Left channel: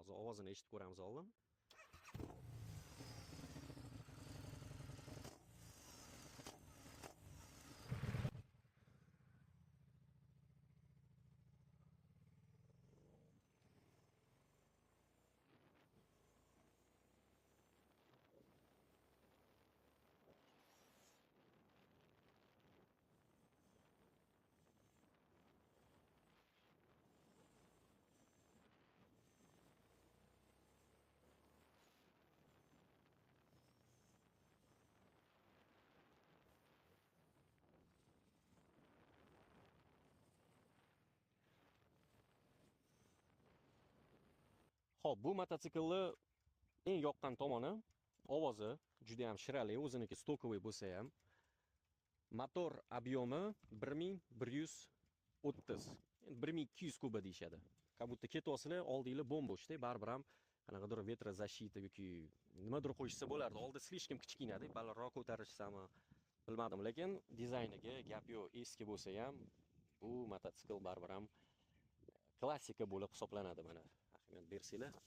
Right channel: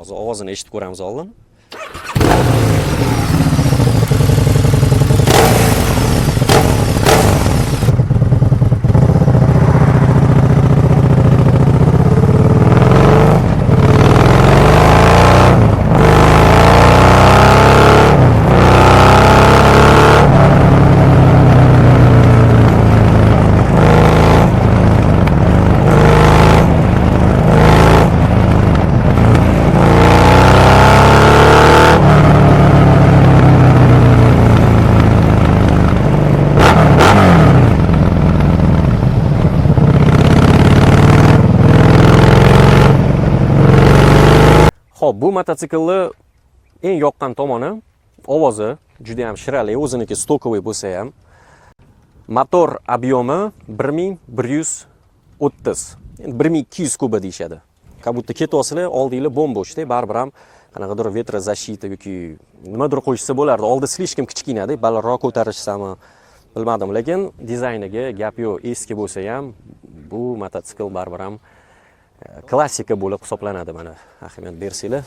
Hozir ovozini eshitib ko'ramiz oldin. Xo'p, bu mototsiklni eng yoqqan tomoni ovozi juda ham shirali, o'ziniki stokovoy bo'lsa ham. Motor obyomi 1130. Endi 1200 kuba deyshadi. Как будто ketyapsizlar, oldinglar bo'm-bo'shda, baribir ham qanaqadir vetrozащита yoki nimadir qo'yishsa bo'lardi. Oldi slishkim kichkinada, balandroq ko'tarishsami, bilmadim, lekin dizayniga gap yo'q. Eski bo'lsa ham bu mototsikl baribir ham klassika bo'lib hisoblanadi mana. Ahamiyat bersanglar.